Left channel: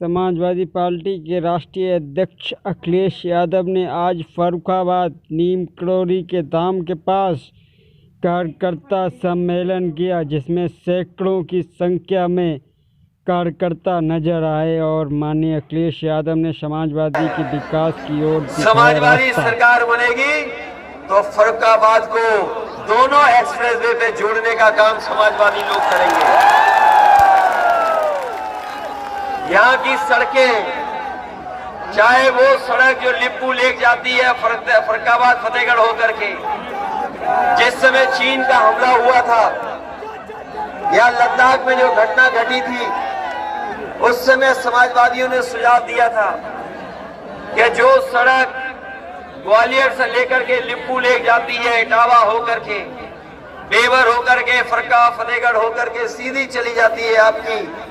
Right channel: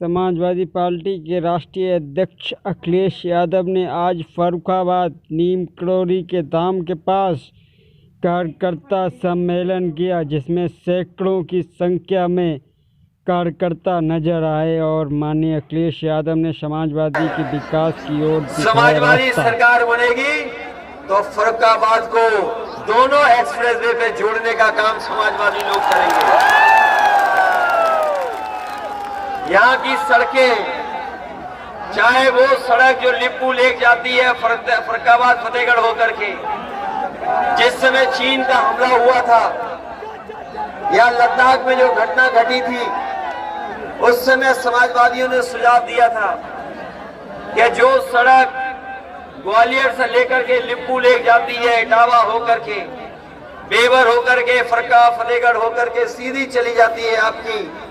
Samajwadi party के राष्ट्रीय अध्यक्ष अखिलेश यादव ने आज फर्रुखाबाद नीम करोली के धाम के पास कार्यकर्ता सम्मेलन किया, जिसमें सैकड़ों की संख्या में कार्यकर्ता नजर आए और माननीय अखिलेश यादव ने समाजवादी के विकास की ओर दिखाया समाजवादी रास्ता। सरकार बनेगी तो फर्रुखाबाद को दोनों एक्सप्रेसवे पे जोड़ने का काम समाजवादी लोग करेंगे। यहाँ की सड़कें, चाहे वो सड़क जो लिप्पू लेक जाती है फर्रुखाबाद फतेहगढ़ होकर के, जिस समय चीन का हमला हुआ था या लद्दाख में जो घटना घटी थी, उस समय समाजवादियों ने सुझाव दिया था कि जो सड़क ग्वालियर से लेकर के लिप्पू लेक जाती है, इटावा होकर के, बेवर होकर के, फरका फतेहगढ़ होकर के सीधी चली जाती है आपकी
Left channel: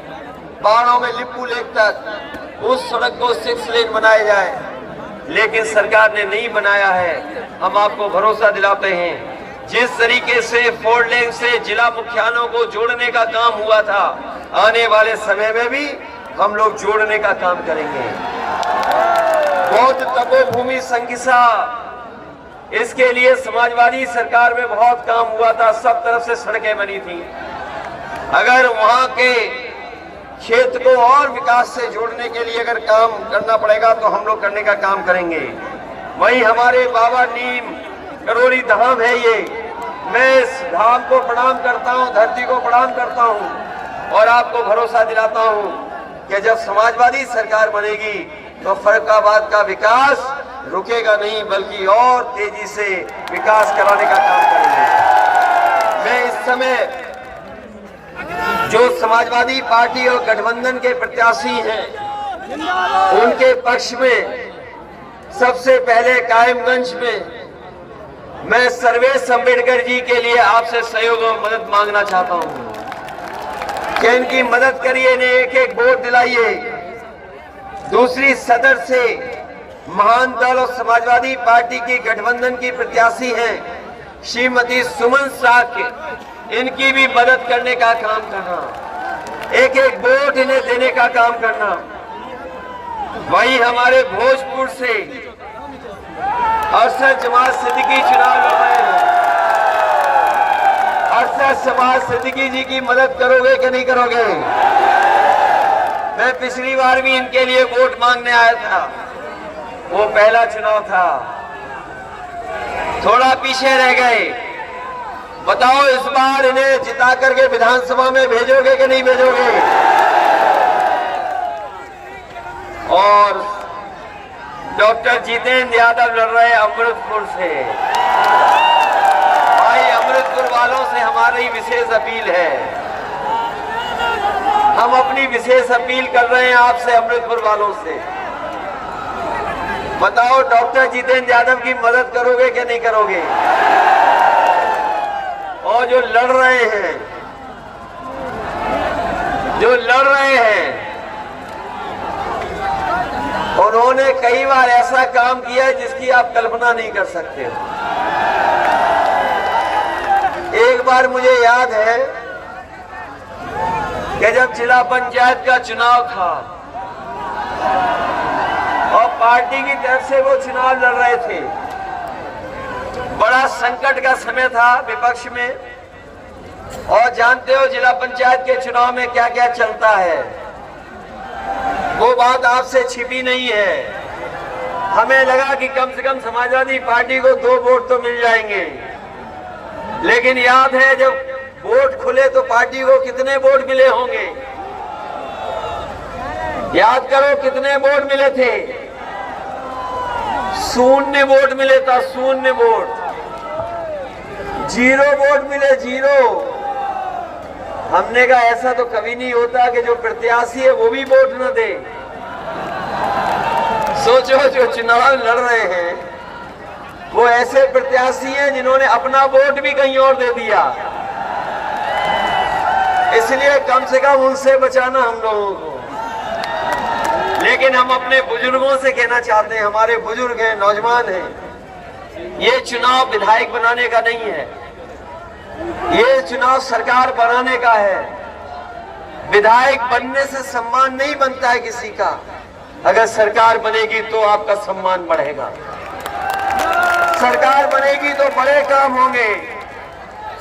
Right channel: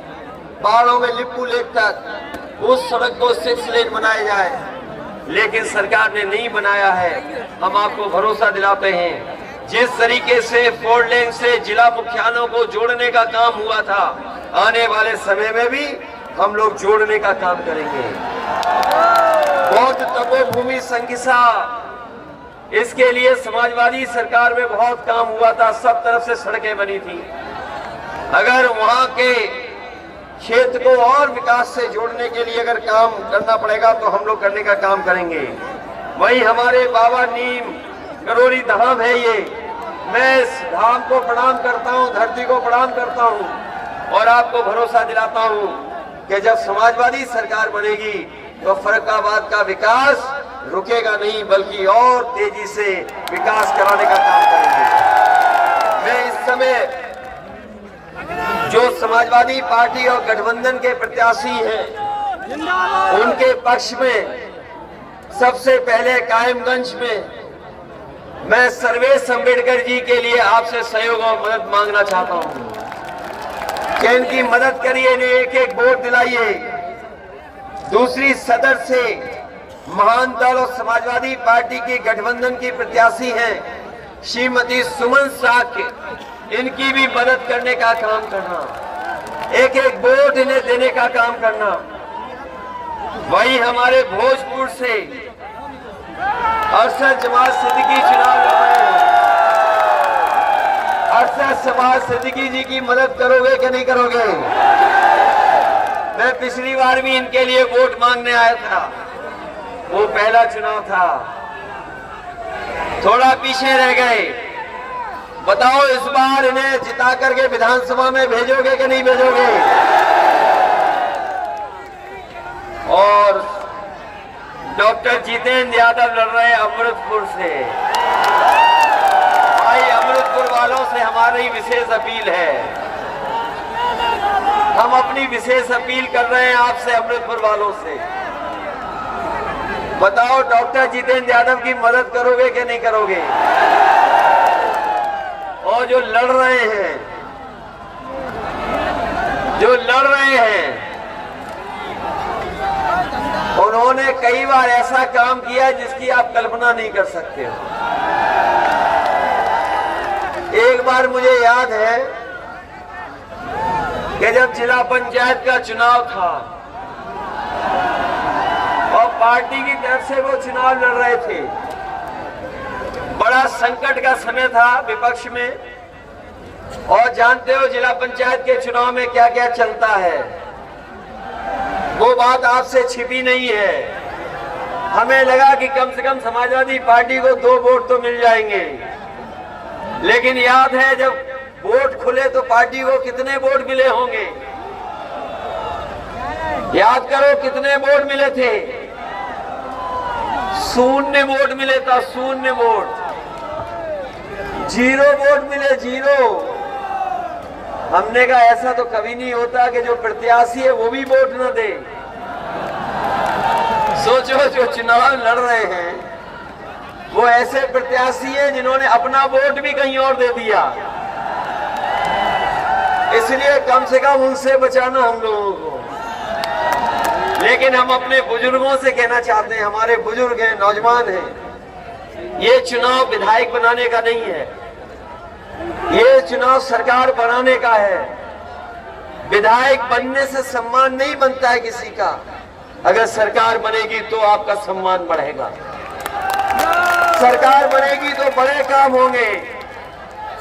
पहाड़ों में लिप्पू लेक तक, उस सड़क को 6 लेन बनाया जाए। लेकिन सरकार ने नहीं बनाया है। हम आपको भरोसा दिलाते हैं, जिस तरीके से 4 लेन से जिला मुख्यालयों को जोड़ने का काम हुआ था, आने वाले समय में भी हम लोग जोड़ने का काम करेंगे। बौद्ध तपोभूमि संकिसा, इसके लिए समाजवादी सरकार में बहुत काम हुआ था, सब तरफ से सड़कें बनी थी। अगर वहां के क्षेत्र को और विकास से जोड़ने के लिए अगर काम करना पड़ेगा तो हम लोग करने का काम करेंगे। वहीं हमारे बाबा नीम करोली धाम है, ये मैं इस धाम को प्रणाम करता हूं, धरती को प्रणाम करता हूं और आपको भरोसा दिलाता हूं कि जब समाजवादी सरकार बनेगी तो फर्रुखाबाद का विकास रुकेगा नहीं, बल्कि और तेजी से विकास कराने का काम करेंगे। मैं इस समय जो समाजवादी पार्टी और गठबंधन के प्रत्याशी हैं, उनके पक्ष में सबसे पहले कायमगंज में मैं सर्वेश अम्बेडकर जी के लिए आपसे सहयोग और मदद मांगना चाहता हूं कि इनकी मदद करिए, इन्हें एक वोट दिलाइए। दूसरी सदर से महान दल और समाजवादी पार्टी की गठबंधन की प्रत्याशी हैं श्रीमती सुमन साख, इनकी भी मदद करने का काम करना, एक वोट इन्हें देने का काम करना। वहीं हमारे भोजपुर से अरशद जमात सिद्दीकी चुनाव लड़ रहे हैं। अरशद जमात सिद्दीकी जी की मदद करोगे कि नहीं करोगे? मैं पिछली बार भी इनके लिए वोट मांगने आया था, वो पहला चुनाव था, थोड़ा पीछे रह गए। बताओ इस बार इन्हें जिता करके विधानसभा में भेजोगे कि नहीं भेजोगे? और डॉक्टर जितेंद्र यादव लड़ रहे अमृतपुर से। भाई, अमृतपुर वालों से हमारी विशेष अपील है, हम अपनी विशेष अपील कर रहे हैं आपसे, अमृतपुर वालों से। बताओ डॉक्टर जितेंद्र यादव की मदद करोगे कि नहीं करोगे? और जो लड़ रहे हैं, उन्होंने कई बार ऐसा काम किया जिसकी आप कल्पना नहीं कर सकते हो। एक बार मुझे याद है कि जब जिला पंचायत का चुनाव था और पार्टी की तरफ से वो चुनाव लड़ रहे थे, बड़ा संकट का समय था विपक्ष में, और जानते हो जिला पंचायत के चुनाव में क्या क्या चलता है, वो बात आपसे छिपी नहीं है। हमें लगा कि कम से कम समाजवादी पार्टी को 2 वोट तो मिल जाएंगे, लेकिन याद है जब वोट खुले तो पार्टी को कितने वोट मिले होंगे? याद करो कितने वोट मिले थे? 0 वोट मिले था, 0 वोट, 0 वोट मिले, 0। हमने कहा ऐसा तो कभी नहीं होता कि जो प्रत्याशी है वो भी वोट न दे। सोचो, जो चुनाव लड़ रहे हैं वो ऐसे प्रत्याशी हैं जिन्होंने अपना वोट भी कहीं और दे दिया। इसलिए कम से कम उनसे बचाना हम लोगों को। लेकिन हम अपने बुजुर्गों से कहना चाहते हैं, हमारे बुजुर्ग हैं, नौजवान हैं, ये चुनाव विधायक बनाने का नहीं है, ये चुनाव सरकार बनाने का है। विधायक बनने से सम्मान नहीं बनता है किसी का। अगर सरकार बनेगी तो आपका सम्मान बढ़ेगा। सरकार बनेगी तो बड़े काम होंगे।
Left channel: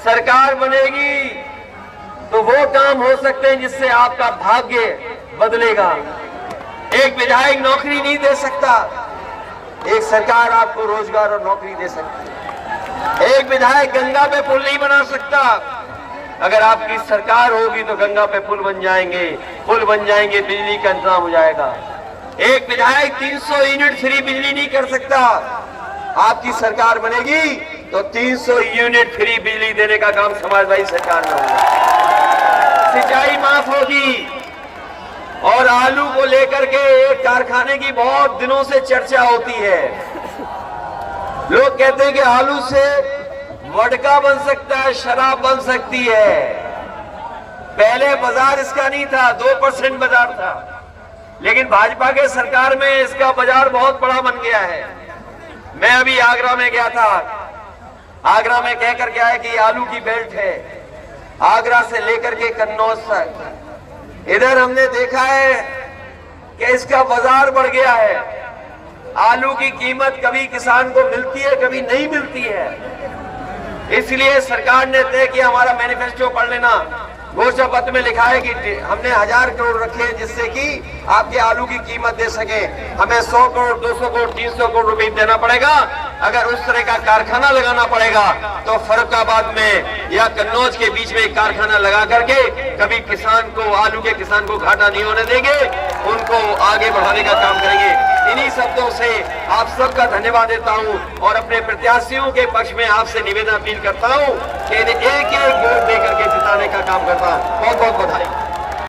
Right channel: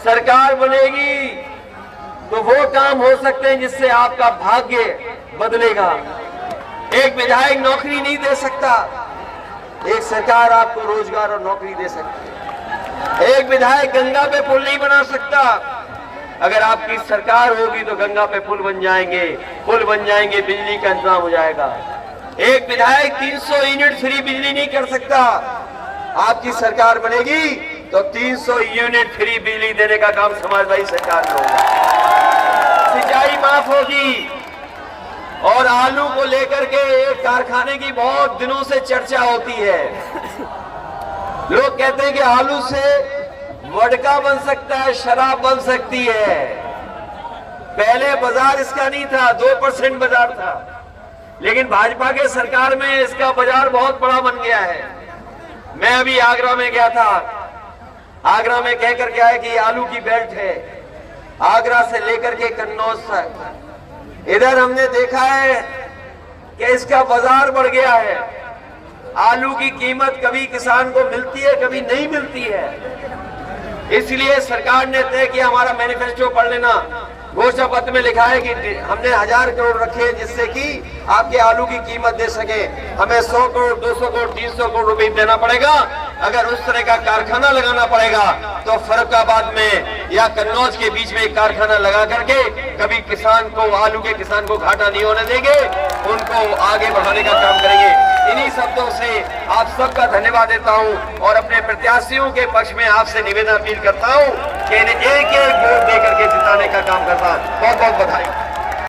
सरकार बनेगी तो वो काम हो सकते हैं जिससे आपका भाग्य बदलेगा। एक विधायक नौकरी नहीं दे सकता, एक सरकार आपको रोजगार और नौकरी दे सकती है। एक विधायक गंगा पे पुल नहीं बना सकता, अगर आपकी सरकार होगी तो गंगा पे पुल बन जाएंगे, बिजली का इंतजाम हो जाएगा। एक विधायक 300 यूनिट फ्री बिजली नहीं कर सकता, आपकी सरकार बनेगी तो 300 यूनिट फ्री बिजली देने का काम समाजवादी सरकार में होगा। सिंचाई माफ होगी। और आलू को लेकर के एक कारखाने की बहुत दिनों से चर्चा होती है। लोग कहते हैं कि आलू से वोडका बन सकता है, शराब बन सकती है। पहले बाजार इसका नहीं था, 2% बाजार था, लेकिन भाजपा के सरकार में इसका बाजार बहुत बड़ा बन गया है। मैं अभी आगरा में गया था, आगरा में कह करके आया कि आलू की बेल्ट है, आगरा से लेकर के कन्नौज तक। इधर हमने देखा है कि इसका बाजार बढ़ गया है। आलू की कीमत कभी किसान को मिलती है, कभी नहीं मिलती है। इसलिए सरकार ने तय किया, हमारा मैनिफेस्टो पढ़ लेना, घोषणा पत्र में लिखा है कि हमने 1000 करोड़ रखे जिससे कि आपके आलू की कीमत दे सके। हमें 100 करोड़, 200 करोड़, 300 करोड़ रुपए देना पड़ेगा। अगर उस तरह का कारखाना लगाना पड़ेगा तो फर्रुखाबाद में या कन्नौज के बीच में एक कारखाना लगा करके कभी किसान को, आलू के किसान को घाटा नहीं होने देंगे, उनको आगे बढ़ाने का काम करेंगे। इन्हीं शब्दों से आप सबका धन्यवाद देता हूं और अपने प्रत्याशियों के पक्ष में आपसे निवेदन अपील करता हूं कि इन्हें एक एक वोट देकर के जिताने का काम करता हूं। बहुत बहुत बधाई।